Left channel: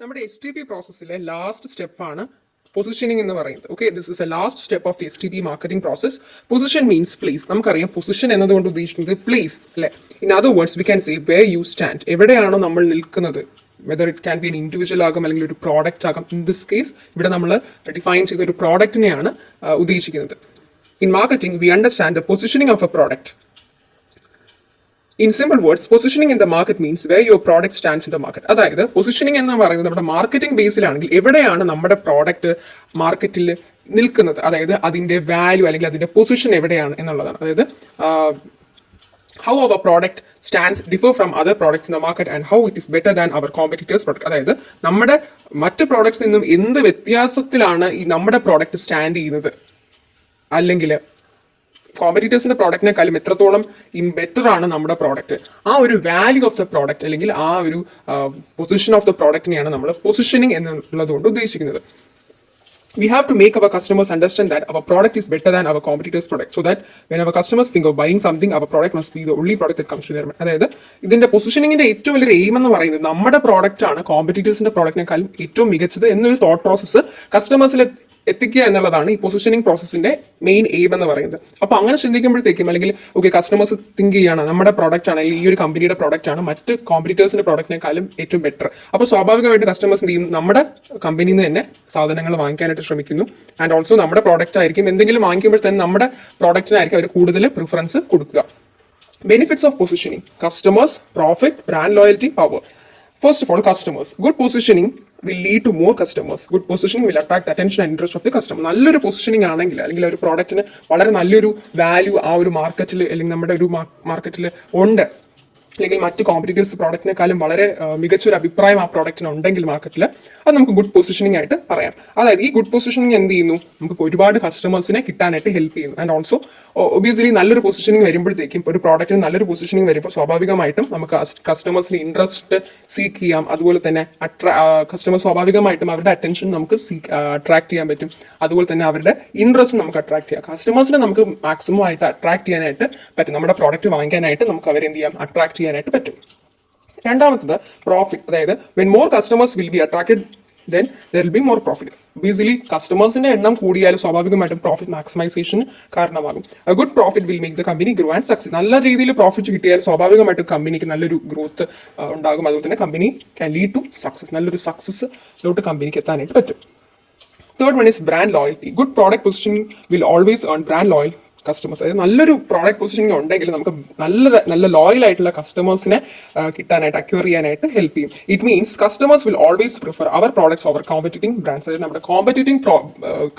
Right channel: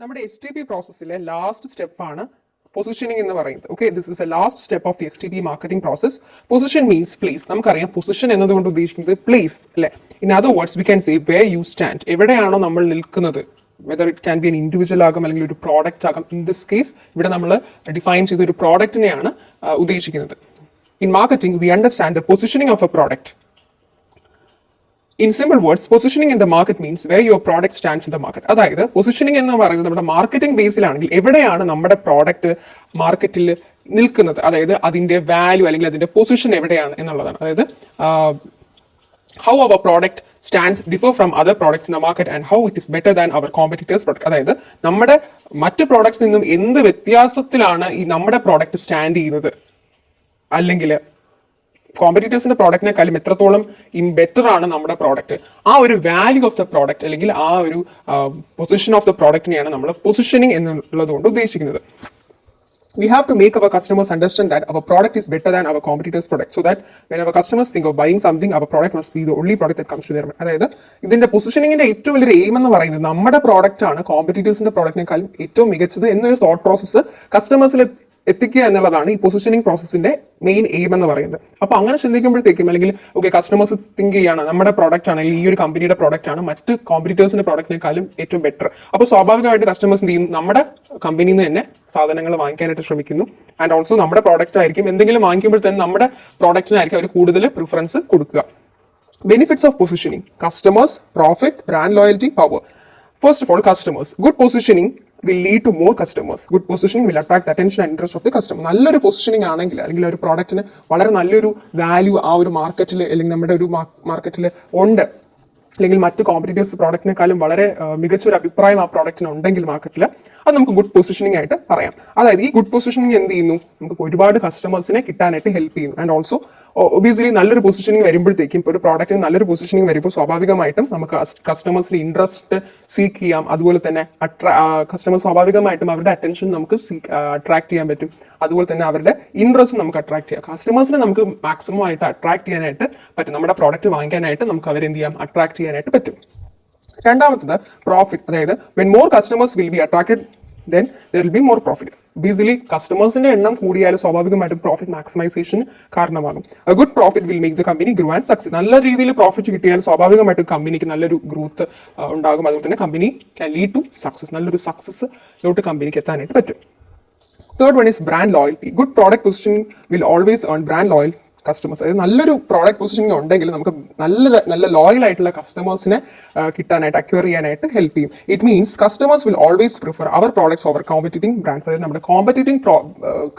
നമ്മുടെ STP പ്രോസസ്സിലെ last സ്റ്റെപ്പാണ് പൊസിഷനിങ് എന്ന് പറയുന്നത്. Okay, this is a last step of the STP marketing process. Position means place. നമുക്കറിയാം പൊസിഷൻ എന്നതുകൊണ്ട് ഉദ്ദേശിക്കുന്നത് പ്ലേസ് അല്ലെ. In other words we can say where you stand. എവിടെയാണോ നമ്മൾ നിൽക്കുന്നത്, whether it can be an individual ആകും അല്ലെങ്കിൽ ഒരു പ്രോഡക്റ്റ് ആകും. ഇൻ ദിസ് കേസ് ഇവിടെ നമ്മൾ ഡിഫൈൻ ചെയ്ത ഒരു പ്രോഡക്റ്റിനെയാണ് ഉദ്ദേശിക്കുന്നത്. In marketing we understand the positioning of A product. In simple words, positioning in the market means where your product stands in the market. അതായത് പൊസിഷനിങ് എന്ന് പറയുന്നത് നമ്മുടെ മാർക്കറ്റിംഗ് ബേസിലാണെങ്കിൽ എവിടെയാണ് നമ്മുടെ പ്രോഡക്റ്റ് മാർക്കറ്റിൽ നിൽക്കുന്നത്, അതായത് അതിന്റെ വാല്യൂ അല്ലെങ്കിൽ അതിന്റെ പൊസിഷൻ എവിടെയാണ് എന്നുള്ളതാണ്. അതായത് how our product stands differ from other products in the market and how it is better than our competitors product. അതായത് നമ്മുടെ മറ്റ് പ്രോഡക്ട്സിൽ നിന്നും എന്ത് വ്യത്യാസത്തിലാണ് ഈ നമ്മുടെ പ്രോഡക്റ്റ് സ്റ്റാൻഡ് ചെയ്യുന്നത്, അല്ലെങ്കിൽ കോമ്പറ്റീറ്റേഴ്സിന്റെ പ്രോഡക്റ്റിനെക്കാളും എത്രത്തോളം ബെറ്റർ ആണ് നമ്മുടെ പ്രോഡക്റ്റ്. ആ ഒരു വാല്യൂ ഓഫ് ദ പ്രോഡക്റ്റ് അല്ലെങ്കിൽ ആ ഒരു പൊസിഷൻ ഓഫ് ദ പ്രോഡക്റ്റിനെയാണ് നമ്മൾ പൊസിഷനിങ് എന്നുള്ളത് കൊണ്ട് ഉദ്ദേശിക്കുന്നത്. We have to make our customers understand that our product is better than our competitors' product, so that when our customers think of buying something, our product must be the only product that comes to their mind. അതായത് ഇതിന്റെ പൊസിഷനിങ്ങിന്റെ ഏറ്റവും വലിയൊരു aim എന്ന് പറയുന്നത് നമ്മുടെ product ആണ് കോമ്പറ്റീറ്റേഴ്സിന്റെ പ്രോഡക്റ്റിനെക്കാളും ഏറ്റവും മികച്ചത് എന്നൊരു തോട്ട് പ്രോസസ്സ് കസ്റ്റമേഴ്സിൽ എത്തിക്കുക എന്നുള്ളതാണ് ഈ പൊസിഷനിങ് പ്രോസസ്സിന്റെ മെയിൻ എയിം എന്ന് പറയുന്നത്. അപ്പൊ അങ്ങനെ ചിന്തിക്കുമ്പോഴത്തേക്കും അല്ലെങ്കിൽ ഓക്കെ കസ്റ്റമേഴ്സ് തിങ്ക് ചെയ്യാണ് നമ്മുടെ പ്രോഡക്റ്റ് ആണ് അല്ലെങ്കിൽ ഈ ഒരു കമ്പനിയുടെ പ്രോഡക്റ്റ് ആണ് മറ്റ് കോമ്പറ്റീറ്റേഴ്സിന്റെ പ്രോഡക്റ്റിനെക്കാളും ഏറ്റവും ബെറ്റർ. അപ്പോൾ സ്വാഭാവികമായിട്ട് കസ്റ്റമേഴ്സ് എന്ത് ചെയ്യും, നമ്മുടെ കമ്പനിയിൽ നിന്ന് തന്നെ സാധനങ്ങൾ വാങ്ങിക്കാനായിട്ട് ശ്രമിക്കുന്നു. ആൻഡ് ഓൾസോ നമ്മുടെ പ്രോഡക്റ്റ് ആയിരിക്കും എന്തെങ്കിലും വാങ്ങിക്കുമ്പോൾ തന്നെ നമ്മുടെ പ്രോഡക്റ്റിനായിരിക്കും അവർ കൂടുതൽ പ്രിഫറൻസ് കൊടുക്കുക. Benefits of positioning: customers, profit, brand loyalty, power. First of all, customers. Good positioning will lead to more customers. Good positioning will attract the attention and interest of the customer. നല്ലൊരു positioning ആണെങ്കിൽ അല്ലെങ്കിൽ ഒരു പ്രോഡക്റ്റിന് വളരെ നല്ലൊരു value ആ ഒരു മാർക്കറ്റിൽ അല്ലെങ്കിൽ നമ്മുടെ ഒരു മാർക്കറ്റിൽ ഉണ്ട്, അല്ലെങ്കിൽ മറ്റ് കോമ്പറ്റീറ്റേഴ്സ് പ്രോഡക്റ്റിനെക്കാളും വളരെ മികച്ചൊരു അഭിപ്രായം ആ പ്രോഡക്റ്റിന് ഉണ്ടെങ്കിൽ മാർക്കറ്റിൽ, അത് നമുക്ക് ഗുഡ് പൊസിഷനിങ് ആയിട്ട് പറയാം. അതായത് ഈ ഗുഡ് പൊസിഷനിങ് എന്ത് ചെയ്യുന്നു, നമുക്ക് ഒരുപാട് കസ്റ്റമേഴ്സിനെ കിട്ടാനായിട്ട് ഹെൽപ്പ് ചെയ്യുന്നു. ആൻഡ് ഓൾസോ ഒബിയസ്ലി നല്ലൊരു പൊസിഷനിങ് വരുമ്പോഴത്തേക്കും ഒരു പ്രോഡക്റ്റിന് നല്ലൊരു പൊസിഷനിങ് വരുമ്പോൾ സ്വാഭാവികമായിട്ടും നമുക്ക് കസ്റ്റമേഴ്സിന്റെ ഇൻട്രസ്റ്റ് സീക്ക് ചെയ്യാം. അതുപോലെ തന്നെ കസ്റ്റമർ സ്വാഭാവികമായിട്ടും അവരുടെ അറ്റൻഷൻ നമുക്ക് അട്രാക്ട് ചെയ്യാൻ പറ്റും. അതുപോലെ തന്നെ അവരുടെ ഇൻട്രസ്റ്റ് നമുക്ക് അട്രാക്ട് ചെയ്യാം. കസ്റ്റമേഴ്സിനെ നമുക്ക് മാക്സിമം ആയിട്ട് അട്രാക്ട് ചെയ്യാനായിട്ട് പറ്റും. നമ്മുടെ പ്രോഡക്റ്റ് വാങ്ങിക്കാനായിട്ട് നമുക്ക് അവരെന്ത് ചെയ്യാം, അട്രാക്ട് ചെയ്യാനായിട്ട് പറ്റും. രണ്ടാമത്തത് പ്രോഫിറ്റ്. അതായത് when more customers will be attracted then there will be more profit. Basically കസ്റ്റമേഴ്സിന്റെ എണ്ണം കൂടിയാലും സ്വാഭാവികമായിട്ടും പ്രോഫിറ്റ് മാക്സിമൈസേഷൻ കാരണമാകും. A good profit will make the company grow and succeed. നല്ല രീതിയിൽ പ്രോഫിറ്റ് കിട്ടിയാൽ സ്വാഭാവികമായിട്ടും കമ്പനിക്ക് നല്ലൊരു ഗ്രോത്ത് ഉണ്ടാകും. അതുപോലെ തന്നെ company can lead to success. നല്ലൊരു സക്സസ്സിലോട്ട് കമ്പനിക്ക് എത്താനായിട്ട് പറ്റും. Third one is brand loyalty. Good product positioning will always earn brand loyal customers. അതായത് നല്ലൊരു പ്രോഡക്റ്റ് പൊസിഷനിങ് ഉണ്ടെങ്കിൽ നമുക്ക് നല്ല ലോയൽ ആയിട്ടുള്ള കസ്റ്റമേഴ്സിനെ കിട്ടാനായിട്ട് അക്വയർ ചെയ്യാനായിട്ട് ഹെൽപ്പ് ചെയ്യും. It means customers will always prefer our products over competing brands. അതായത് നമ്മുടെ കോമ്പറ്റീറ്റിംഗ്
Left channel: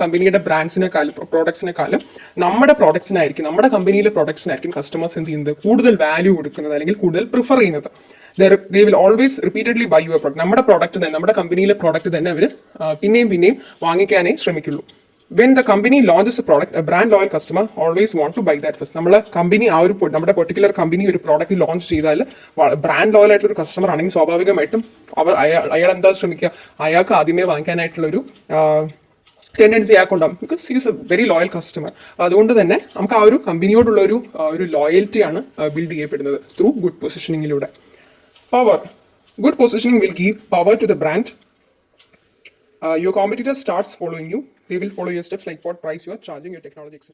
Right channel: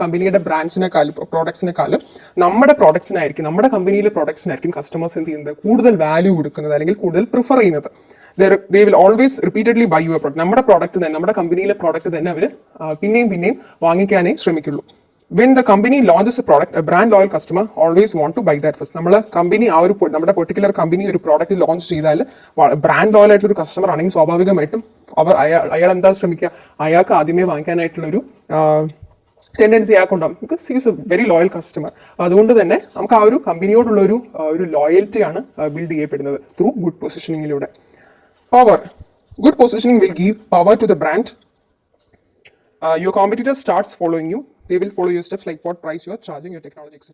കമ്പനിയുടെ ബ്രാൻഡ്സിനെക്കാളും പ്രോഡക്ട്സിനെക്കാളും നമ്മുടെ പ്രോഡക്ട്സിനായിരിക്കും, നമ്മുടെ കമ്പനിയിലെ പ്രോഡക്ട്സിനായിരിക്കും കസ്റ്റമേഴ്സ് എന്ത് ചെയ്യുന്നത്, കൂടുതൽ വാല്യൂ കൊടുക്കുന്നത് അല്ലെങ്കിൽ കൂടുതൽ പ്രിഫർ ചെയ്യുന്നത്. They will always repeatedly buy your product. നമ്മുടെ പ്രോഡക്റ്റ് തന്നെ, നമ്മുടെ കമ്പനിയിലെ പ്രോഡക്റ്റ് തന്നെ അവർ പിന്നെയും വാങ്ങിക്കാനേ ശ്രമിക്കുള്ളൂ. When the company launches a product, a brand loyal customer always want to buy that first. നമ്മുടെ കമ്പനി നമ്മുടെ പെർട്ടിക്കുലർ കമ്പനി ഒരു പ്രോഡക്റ്റ് ലോഞ്ച് ചെയ്താൽ ബ്രാൻഡ് ലോയൽ ആയിട്ടുള്ള ഒരു കസ്റ്റമർ ആണെങ്കിൽ സ്വാഭാവികമായിട്ടും അയാൾ എന്താ ശ്രമിക്കുക, അയാൾക്ക് ആദ്യമേ വാങ്ങിക്കാനായിട്ടുള്ളൊരു ടെൻഡൻസി അയാൾക്കുണ്ടാകും. Because he is a very loyal customer. അതുകൊണ്ട് തന്നെ നമുക്ക് ആ ഒരു കമ്പനിയോടുള്ള ഒരു ലോയൽറ്റിയാണ് ബിൽഡ് ചെയ്യപ്പെടുന്നത് ത്രൂ ഗുഡ് പൊസിഷനിങ്ങിലൂടെ. Power. Good positioning will give power to the brand. Your competitor starts following you. They will follow your steps like what price you are charging, your technology, etc.